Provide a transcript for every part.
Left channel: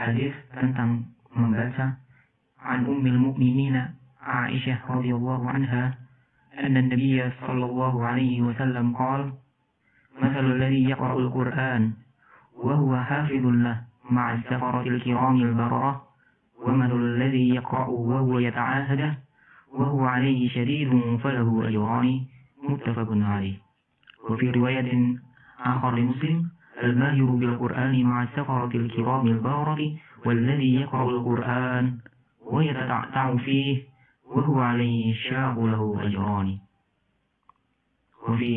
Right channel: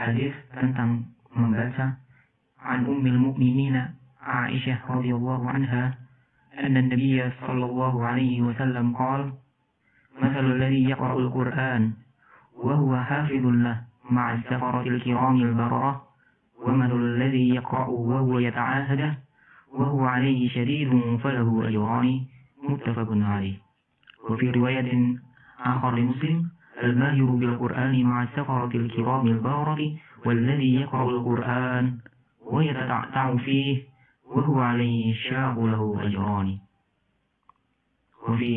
hadis tentang membaca an ummil mu'minina Aisyah radhiyallahu anha anna an-nabiy sallallahu alaihi wasallam qala mathalul ladzi yaqra'ul Qur'an wa huwa hafizun lahu ma'a as-safaratil kiramil bararah wa mathalul ladzi yaqra'u wa huwa yata'ahadu wa huwa 'alayhi shadidun falahu ajrani muttafaqun 'alayh. Wa fi riwayatin akhar li Muslim al-mahiru bil Qur'ani ma'a as-safaratil kiramil bararah والذي يقرأ القرآن ويتتعتع فيه وهو عليه الشاق له أجران. وفي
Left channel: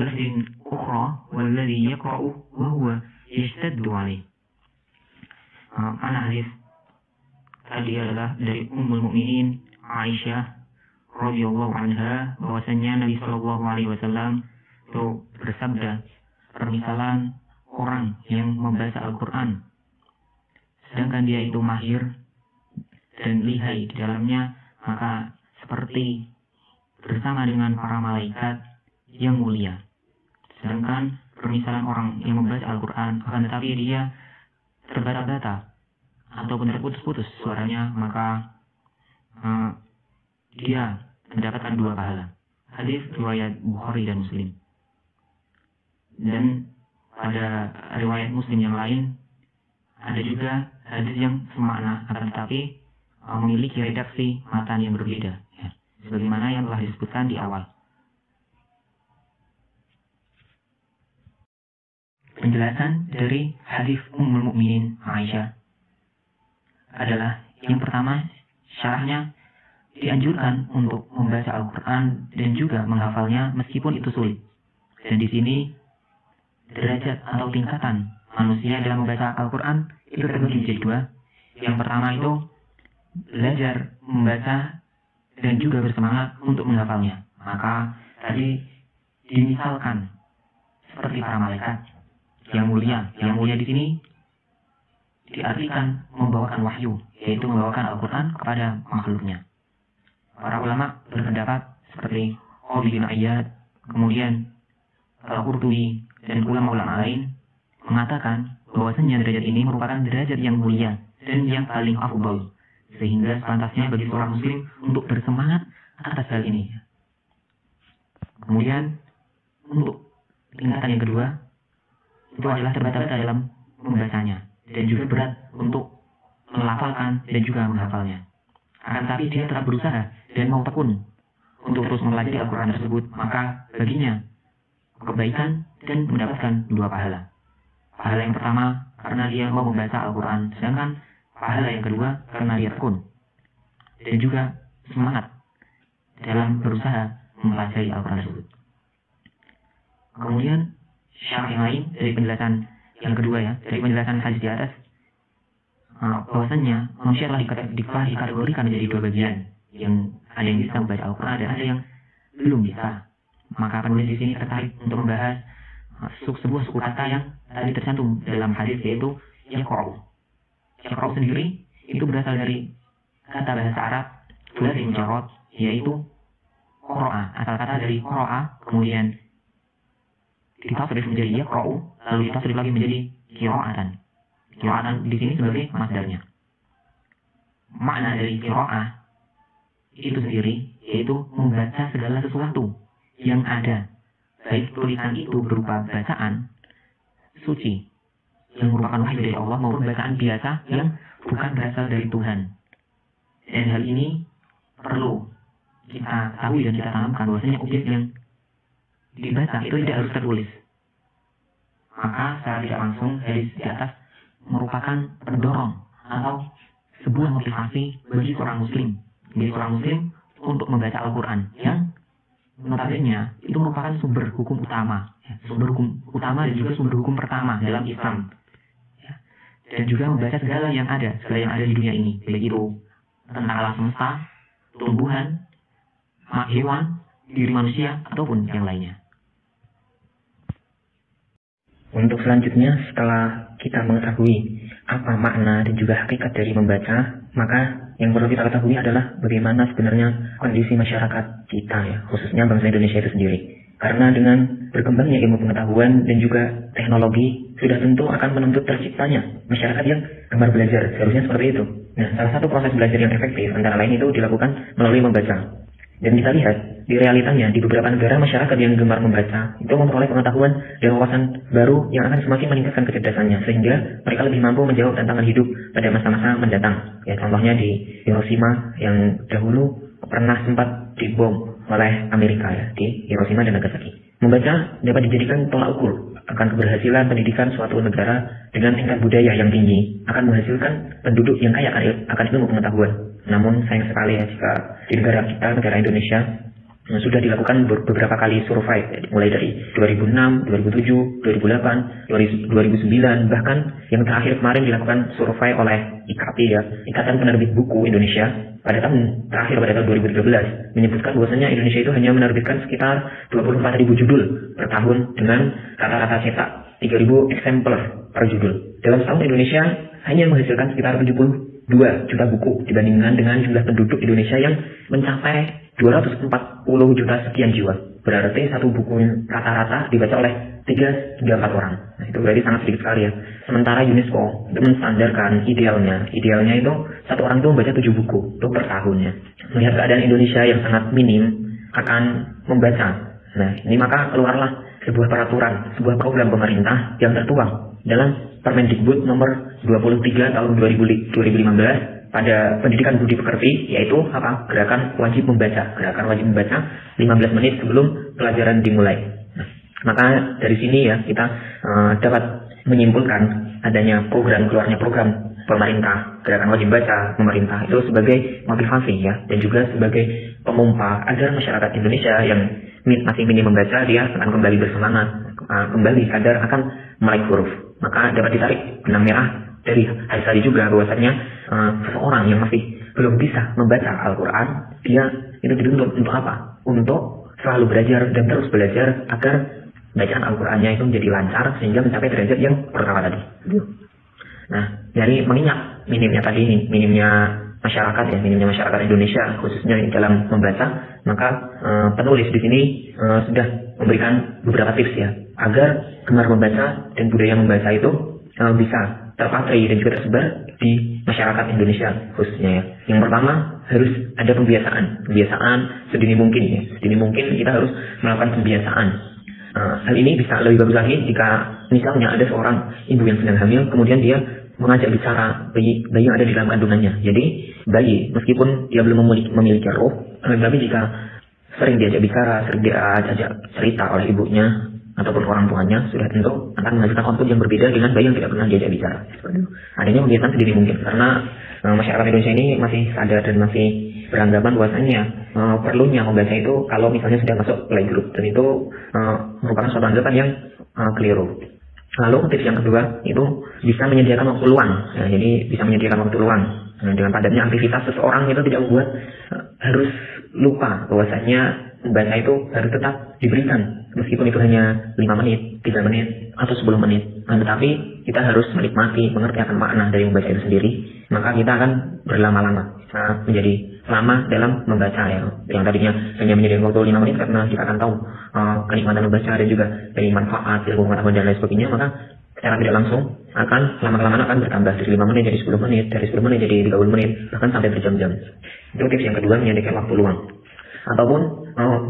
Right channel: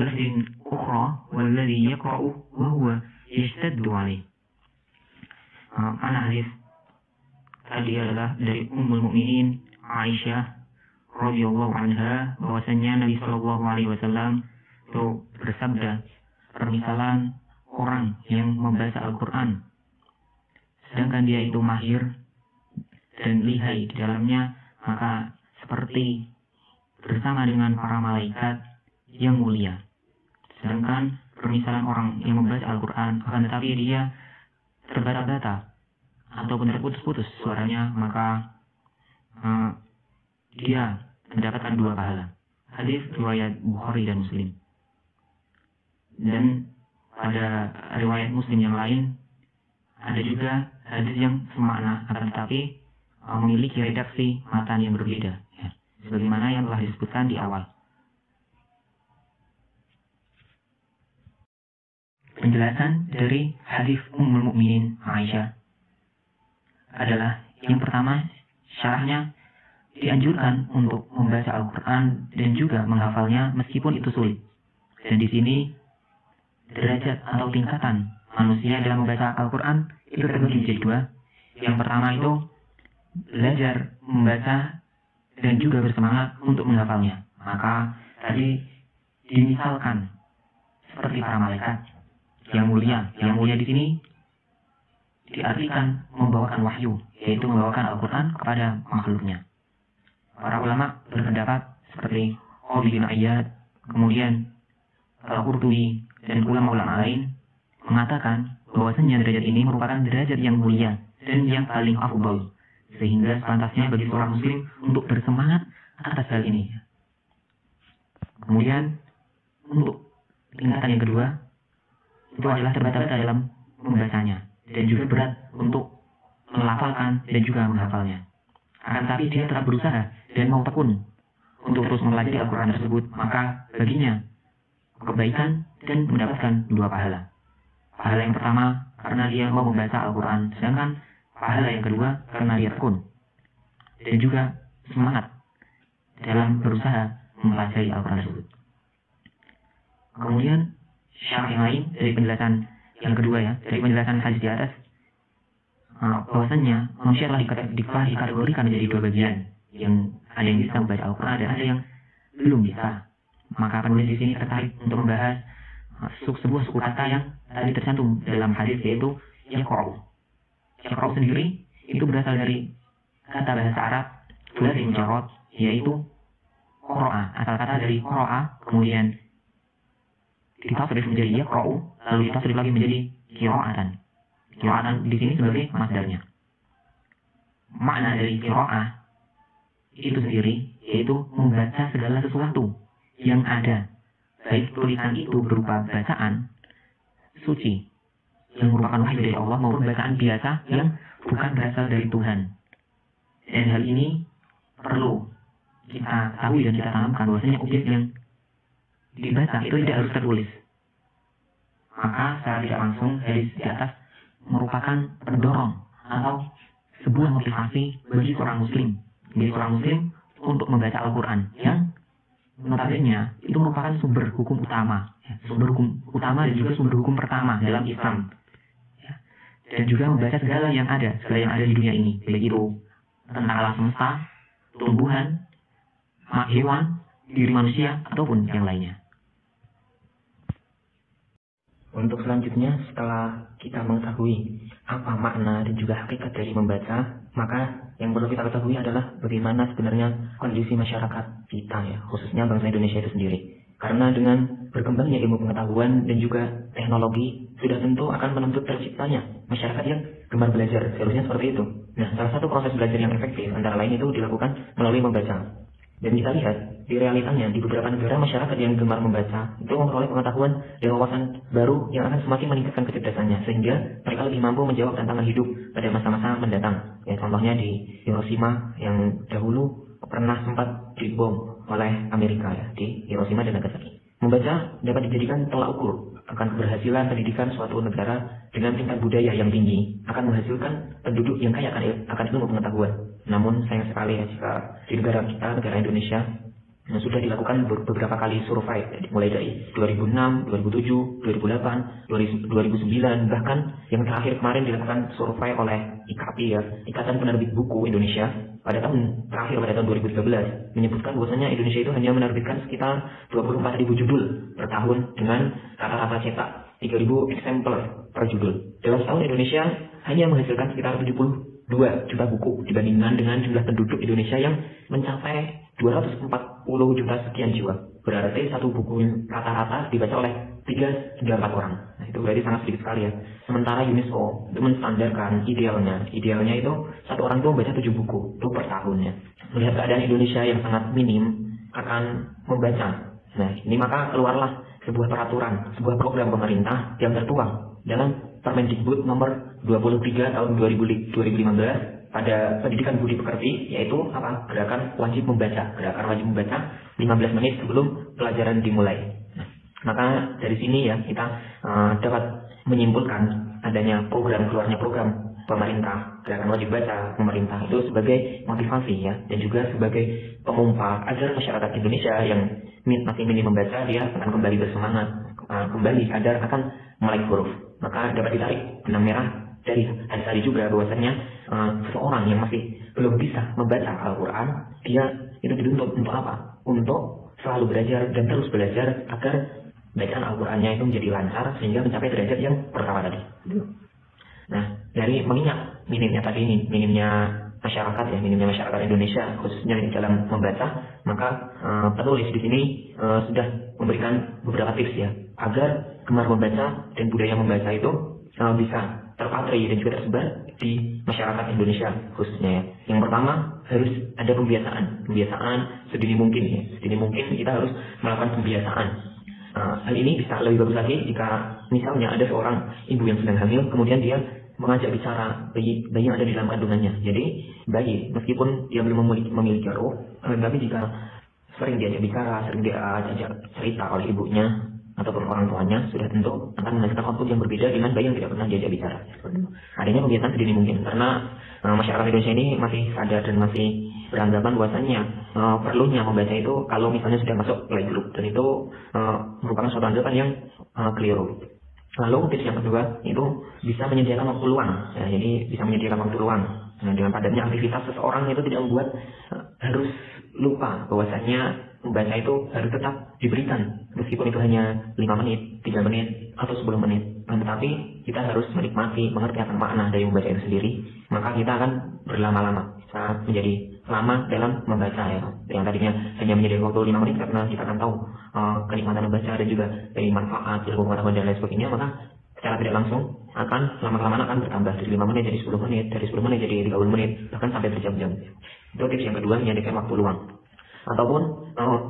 لفظ أخرى والذي يقرأ وهو يشتد عليه. Mana hadis tadi adalah dari Ummul Mukminin Aisyah radhiyallahu anha bahwasanya Nabi sallallahu alaihi wasallam itu bersabda, permisalan orang yang membaca Al-Qur'an sedangkan dia itu mahir dan lihai di dalamnya, maka seperti bersama dengan para malaikat yang mulia. Sedangkan permisalan orang yang membaca Al-Quran akan tetapi dia terbata-bata ataupun terputus-putus suaranya, maka dia mendapatkan 2 pahala. Hadis riwayat Bukhari dan Muslim. Dan pada riwayat Muslim yang lain ada juga hadis yang semakna, akan tetapi memiliki redaksi matan yang berbeda, ya, sebagaimana yang telah disebutkan di awal. Penjelasan dari hadis Ummul Mukminin Aisyah adalah yang pertama, syarahnya dianjurkan untuk membaca Al-Quran dan juga menghafalnya meskipun itu sulit. Dan di sini derajat atau tingkatan manusia dalam membaca Al-Quran itu terbagi menjadi 2. Yang pertama itu belajar membaca dan juga bersemangat untuk menghafalnya. Maka tadi dimisalkan seperti para malaikat yang mulia. Yang mulia di sini diartikan membawakan wahyu, yaitu membawakan Al-Quran kepada makhluknya. Para ulama berpendapat seperti Qadhi bin Iyad, kemudian Al-Qurtubi dan ulama-ulama lain mengatakan bahwasanya derajat ini merupakan derajat yang mulia dan yang paling afdal, sehingga sepantasnya bagi seorang muslim untuk bersemangat atas hal ini. Kemudian untuk tingkatan yang kedua itu adalah terbata-bata dalam membacanya dan juga berat untuk melafalkan dan juga menghafalnya. Akan tetapi dia tetap berusaha dan mau tekun untuk terus mempelajari Al-Quran tersebut, maka baginya kebaikan dan mendapatkan 2 pahala. Pahala yang pertama karena dia mau membaca Al-Quran, sedangkan pahala yang kedua karena dia tekun dan juga semangat dalam berusaha mempelajari Al-Quran tersebut. Kemudian syarah yang lain dari penjelasan yang kedua, ya, dari penjelasan hadis di atas, bahwasannya manusia telah dikategorikan menjadi 2 bagian, yang ada yang bisa membaca Al-Quran dan ada yang belum bisa. Maka penulis di sini tertarik untuk membahas sebuah suku kata yang tadi tercantum dalam hadis, yaitu yaqra'u. Yaqra'u sendiri itu berasal dari kata bahasa Arab thulathi mujarrad, yaitu qara'a. Asal kata dari qara'a kemudian ditasrif menjadi yaqra'u, lalu ditasrif lagi menjadi qira'atan. Qira'atan di sini sebagai masdarnya. Makna dari qira'ah itu sendiri yaitu membaca segala sesuatu yang ada, baik tulisan itu berupa bacaan suci yang merupakan wahyu dari Allah maupun bacaan biasa yang bukan berasal dari Tuhan. Dan hal ini perlu kita tahu dan kita tanamkan bahwasanya objek yang dibaca itu tidak harus tertulis. Maka secara tidak langsung hadis di atas merupakan pendorong atau sebuah motivasi bagi seorang muslim untuk membaca Al-Quran yang notabene itu merupakan sumber hukum utama, dan juga sumber hukum pertama dalam Islam, ya. Dan juga membaca segala yang ada di dunia ini, baik itu tentang alam semesta, tumbuhan, hewan, diri manusia ataupun yang lainnya. Untuk selanjutnya, setelah kita mengetahui apa makna dan juga hakikat dari membaca, maka yang perlu kita ketahui adalah bagaimana sebenarnya kondisi masyarakat kita, ya, khususnya bangsa Indonesia itu sendiri. Karena dengan berkembangnya ilmu pengetahuan dan juga teknologi sudah tentu akan menuntut terciptanya masyarakat yang gemar belajar. Seharusnya seperti itu. Nah, salah satu proses belajar yang efektif antara lain itu dilakukan melalui membaca. Dan kita lihat di realitanya di beberapa negara masyarakat yang gemar membaca itu memperoleh pengetahuan dan wawasan baru yang akan semakin meningkatkan kecerdasannya sehingga mereka lebih mampu menjawab tantangan hidup pada masa-masa mendatang. Ya, contohnya di Hiroshima yang dahulu pernah sempat dibom oleh Amerika ya, di Hiroshima dan Nagasaki. Membaca dapat dijadikan tolak ukur akan keberhasilan pendidikan suatu negara dengan tingkat budaya yang tinggi akan menghasilkan penduduk yang kaya akan ilmu pengetahuan. Namun sayang sekali ya jika di negara kita, negara Indonesia, sudah dilakukan beberapa kali survei, mulai dari 2006, 2007, 2008, 2009, bahkan yang terakhir kemarin dilakukan survei oleh IKP ya, Ikatan Penerbit Buku Indonesia, pada tahun terakhir pada tahun 2013 menyebutkan bahwasanya Indonesia itu hanya menerbitkan sekitar 24.000 judul per tahun dengan rata-rata cetak 3.000 eksemplar per judul. Dalam setahun Indonesia hanya menghasilkan sekitar 72 juta buku dibandingkan dengan jumlah penduduk Indonesia yang mencapai 240 juta sekian jiwa. Berarti satu buku rata-rata dibaca oleh 3 hingga 4 orang. Nah, itu berarti sangat sedikit sekali ya. Sementara UNESCO itu menstandarkan idealnya itu satu orang itu membaca 7 buku itu per tahunnya. Melihat keadaan Indonesia yang sangat minim akan membaca. Nah, ini maka keluarlah sebuah peraturan, sebuah program pemerintah yang tertuang dalam Permendikbud nomor 23 tahun 2015 pada pendidikan budi pekerti, yaitu apa? Gerakan wajib membaca. Gerakan wajib membaca 15 menit sebelum pelajaran dimulai. Nah, maka dari sini ya kita dapat menyimpulkan adanya keluarnya program pemerintah gerakan wajib baca pemerintah itu sebagai motivasi ya, dan juga sebagai pemompa agar masyarakat Indonesia yang masih minim membaca dia akan kembali bersemangat, kembali sadar akan melek huruf. Maka dapat ditarik benang merah dari hadis tadi juga bahwasanya seseorang yang masih belum bisa membaca Al-Quran, dia itu dituntut untuk apa? Untuk selalu belajar dan terus belajar agar bacaan Al-Qurannya itu menjadi lancar sehingga mencapai derajat yang pertama tadi. Nah, dari mengingat minimnya masyarakat Indonesia khususnya dalam membaca, maka penulis di sini sudah memberikan beberapa tips ya agar gemar membaca dan budaya membaca itu bisa terpatri dan juga tersebar di masyarakat Indonesia khususnya ya. Yang pertama harus ada pembiasaan sedini mungkin ya. Sedini mungkin kita harus melakukan pembiasaan. Hal ini bisa lebih bagus lagi jika misalnya ada seorang ibu yang sedang hamil, kemudian dia mengajak bicara bayi yang ada di dalam kandungannya. Jadi bayi meskipun dia belum memiliki roh, tapi jika sering diajak bicara, sering diajak cerita oleh ibunya ataupun orang tuanya, sudah tentu akan menghasilkan output yang berbeda dengan bayi yang tidak pernah diajak bicara. Adanya pembiasaan sedini mungkin karena masyarakat Indonesia ini masih sadar dan masih beranggapan bahwasanya perlunya membaca itu kalau misalnya sudah masuk playgroup, dan itu merupakan suatu anggapan yang keliru. Lalu tips yang kedua itu bisa menyediakan waktu luang. Ya, jadi bisa menyediakan waktu luang. Nah, dengan padatnya aktivitas seseorang itu tidak membuat harus lupa bahwasanya membaca itu harus tetap diberikan, meskipun itu hanya 5 menit, 3 menit, atau 10 menit. Nah, tetapi kita harus menikmati, mengerti akan makna dari membaca itu sendiri, maka kita akan berlama-lama, bisa menjadi lama dalam membaca ya. Yang tadinya hanya menyediakan waktu 5 menit karena kita akan tahu kenikmatan membaca dan juga dari manfaat, ilmu pengetahuan dan lain sebagainya, maka secara tidak langsung akan lama-kelamaan akan bertambah dari 5 menit jadi 10 menit, dari 10 menit jadi 30 menit, bahkan sampai berjam-jam. Itu tips yang kedua, menyediakan waktu luang. Ataupun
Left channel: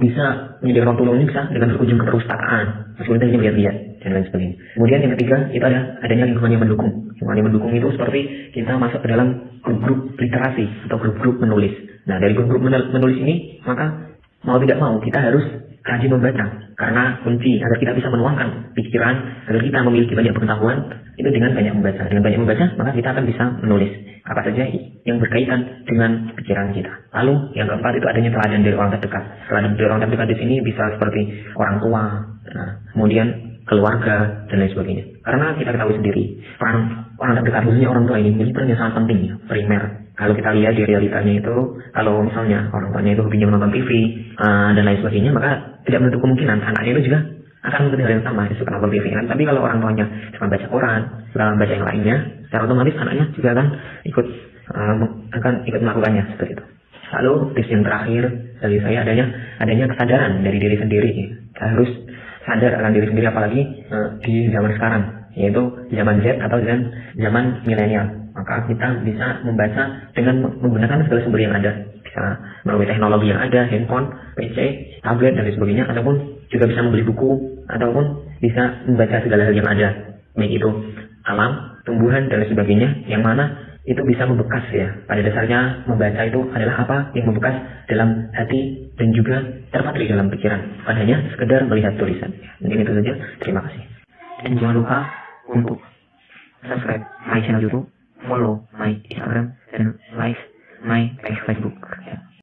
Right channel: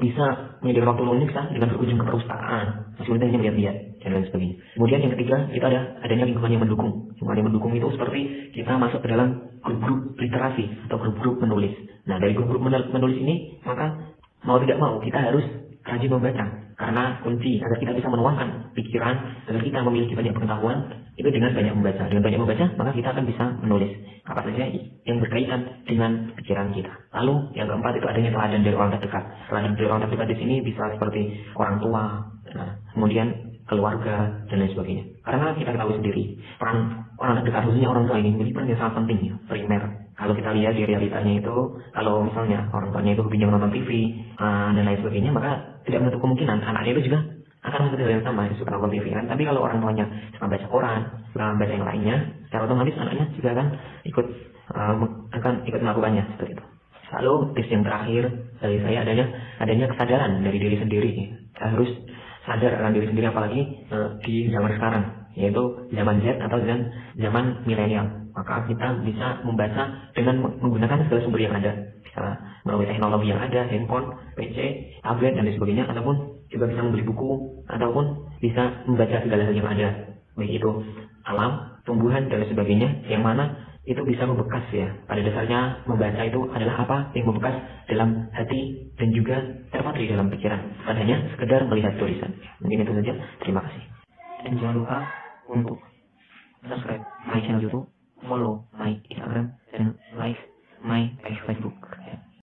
bisa menyediakan waktu luang ini bisa dengan berkunjung ke perpustakaan, meskipun hanya lihat-lihat dan lain sebagainya. Kemudian yang ketiga itu adanya lingkungan yang mendukung. Lingkungan yang mendukung itu seperti kita masuk ke dalam grup-grup literasi atau grup-grup menulis. Nah, dari grup-grup menulis ini maka mau tidak mau kita harus rajin membaca, karena kunci agar kita bisa menuangkan pikiran, agar kita memiliki banyak pengetahuan itu dengan banyak membaca. Dengan banyak membaca maka kita akan bisa menulis apa saja yang berkaitan dengan pikiran kita. Lalu yang keempat itu adanya teladan dari orang terdekat. Teladan dari orang terdekat di sini bisa seperti orang tua, kemudian keluarga dan lain sebagainya. Karena kita ketahui sendiri orang terdekat, khususnya orang tua ini memiliki peran yang sangat penting ya, primer. Kalau kita lihat di realitanya itu, kalau misalnya orang tuanya itu hobinya menonton TV dan lain sebagainya, maka tidak menutup kemungkinan anaknya itu juga akan mengikuti hal yang sama, suka nonton TV kan. Tapi kalau orang tuanya suka baca koran, suka baca yang lainnya, secara otomatis anaknya juga akan ikut melakukannya seperti itu. Lalu tips yang terakhir dari saya adanya kesadaran dari diri sendiri. Kita harus sadar akan diri sendiri, apalagi di zaman sekarang yaitu zaman Z atau zaman milenial. Maka kita bisa membaca dengan menggunakan segala sumber yang ada, bisa melalui teknologi yang ada, handphone, PC, tablet dan lain sebagainya, ataupun juga bisa membeli buku, ataupun bisa membaca segala hal yang ada, baik itu alam, tumbuhan dan lain sebagainya, yang mana itu bisa membekas ya. Pada dasarnya membaca itu adalah apa yang membekas dalam hati dan juga terpatri dalam pikiran, bukan hanya sekedar melihat tulisan. Mungkin itu saja. Terima kasih. Dan jangan lupa untuk subscribe my channel YouTube, follow my Instagram, dan like my Facebook.